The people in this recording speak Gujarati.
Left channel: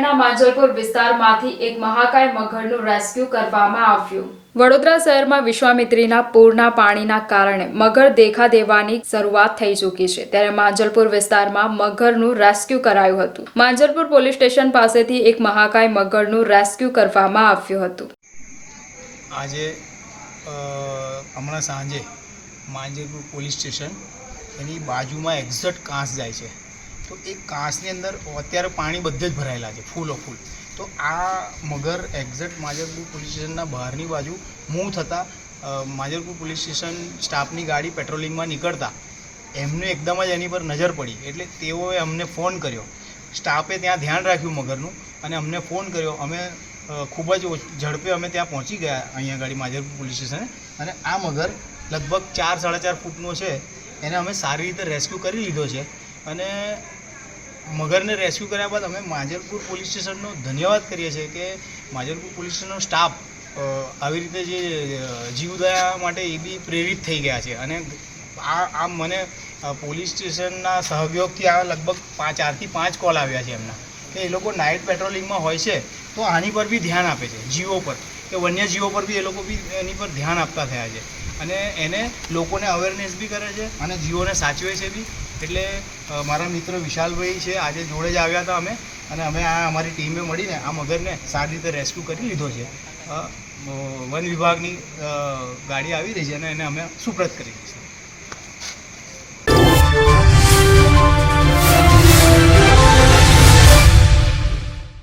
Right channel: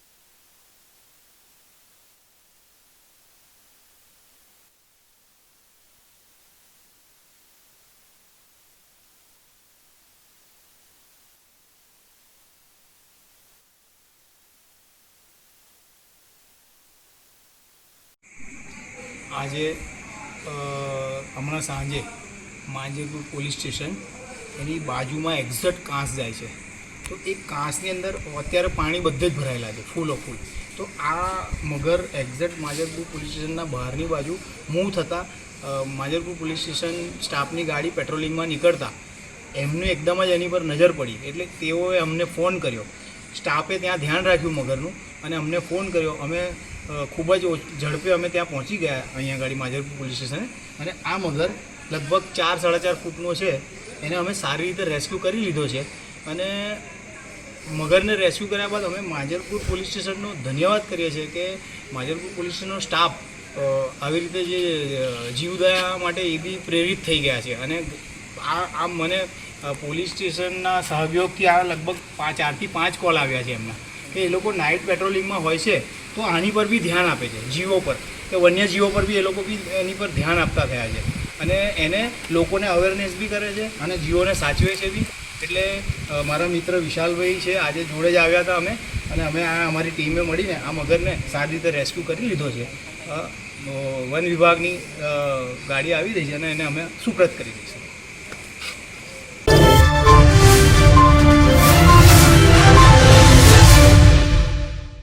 શહેરના માંજલપુર વિસ્તારમાંથી એક મહાકાય મગરનું રેસ્ક્યુ કરવામાં આવ્યું. વડોદરા શહેરમાં વિશ્વામિત્રીના પૂરના પાણીના કારણે મગર દેખા દેવાની શરૂઆત થઈ ચૂકી છે. ત્યારે માંજલપુર વિસ્તારમાં મગરનું રેસ્ક્યુ કરાયું હતું. માંજલપુર પોલીસ સ્ટેશન પાસેથી એક મહાકાય મગરનું રેસ્ક્યુ કરવામાં આવ્યું હતું. આજે હમણાં સાંજે માંજલપુર પોલીસ સ્ટેશન એની બાજુમાં એક્ઝેક્ટ કાંસ જાય છે. તો એ કાંસની અંદર અત્યારે પાણી બધે જ ભરાયેલા છે, ફૂલો ફૂલ. તો આ મગર એક્ઝેક્ટ માજરપુર પોલીસ સ્ટેશનના બહારની બાજુ મૂવ થતાં માજરપુર પોલીસ સ્ટેશન સ્ટાફની ગાડી પેટ્રોલિંગમાં નીકળતા એમને એકદમ જ એની પર નજર પડી. એટલે તેઓએ અમને ફોન કર્યો. સ્ટાફે ત્યાં ધ્યાન રાખ્યું મગરનું અને અમને ફોન કર્યો. અમે ખૂબ જ ઝડપે અમે ત્યાં પહોંચી ગયા અહીંયા ગાડી માજરપુર પોલીસ સ્ટેશને અને આ મગર લગભગ ચાર, સાડા ચાર ફૂટનો છે. એને અમે સારી રીતે રેસ્ક્યુ કરી લીધો છે અને મગરને રેસ્ક્યુ કર્યા બાદ અમે માજરપુર પોલીસ સ્ટેશનનો ધન્યવાદ કરીએ છીએ કે માજરપુર પોલીસ સ્ટેશનનો સ્ટાફ આવી રીતે જે જીવદયા માટે એ બી પ્રેરિત થઈ ગયા છે. અને આ આ મને પોલીસ સ્ટેશનના સહયોગથી આ લગભગ પાંચ, ચારથી પાંચ કોલ આવ્યા છે એમના. કે એ લોકો નાઇટ પેટ્રોલિંગમાં હોય છે, તો આની પર બી ધ્યાન આપે છે, જીવો પર. કે વન્ય જીવો પર બી એ લોકો બી એની પર ધ્યાન આપતા થયા છે. અને એને લોકોને અવેરનેસ બી કરે છે અને જીવોને સાચવે છે બી. એટલે મારા મિત્ર વિશાલભાઈ છે, આજે જોડે જ આવ્યા હતા અમે. અને અમે આ અમારી ટીમે મળીને આ મગરને સારી રીતે રેસ્ક્યુ કરી લીધો છે. વન વિભાગની ગાડી આવી રહી છે અને એને અમે સુપ્રત કરી દઈશું.